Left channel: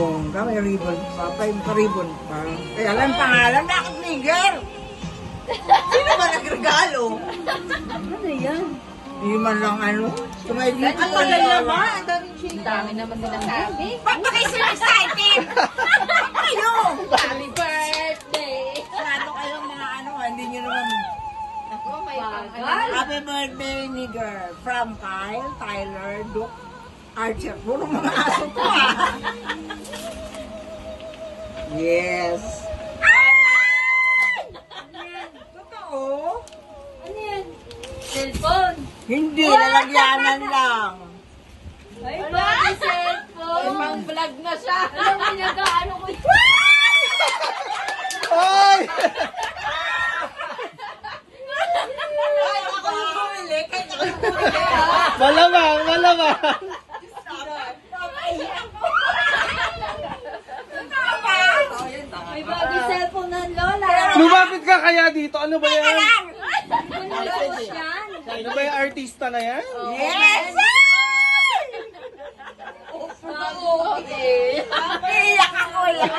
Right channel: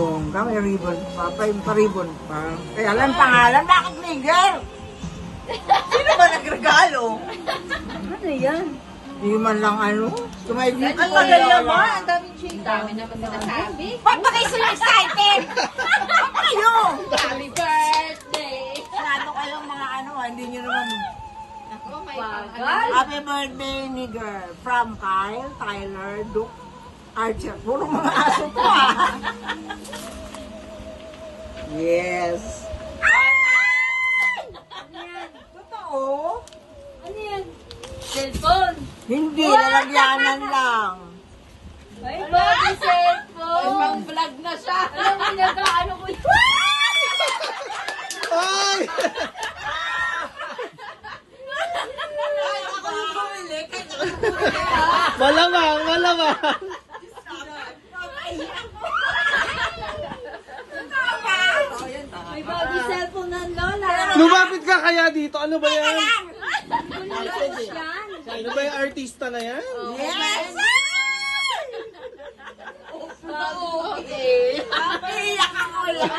May ribbon pa, pa-ribbon pa. Kaya lang pangalan, bakit Miguel? Sino ba nagregalo? Ano yan? Hindi man lang ano. Tumaigit Ang tagal naman. Ang daming chita. Ang dami naman nila sabi. Ba't ba kayo sila excited? Kayo! Happy birthday! Ano kayong mga ano, hindi nyo naman. Ako, may pangalan. Happy birthday, nigger. From Kyle, Tyler, Duke, Archer. Puro mga aso to ah. Yes. Totoo? Ano yan? Cellphone. Hindi, lalagyanan lang. Ay, bakit cellphone? Ibang vlog na siya. Alam mo niya ka, ano ko ito? Ay! Kahit ako yung bumili, kahit ako yung bumili. Malamang, malamang. May bagong cellphone ng Lola. Lumapit ka kaya dito. Ano ba yan? Malinis yan. Ano ba yung artista na yan? Yes! Bago. Iyak ako yan.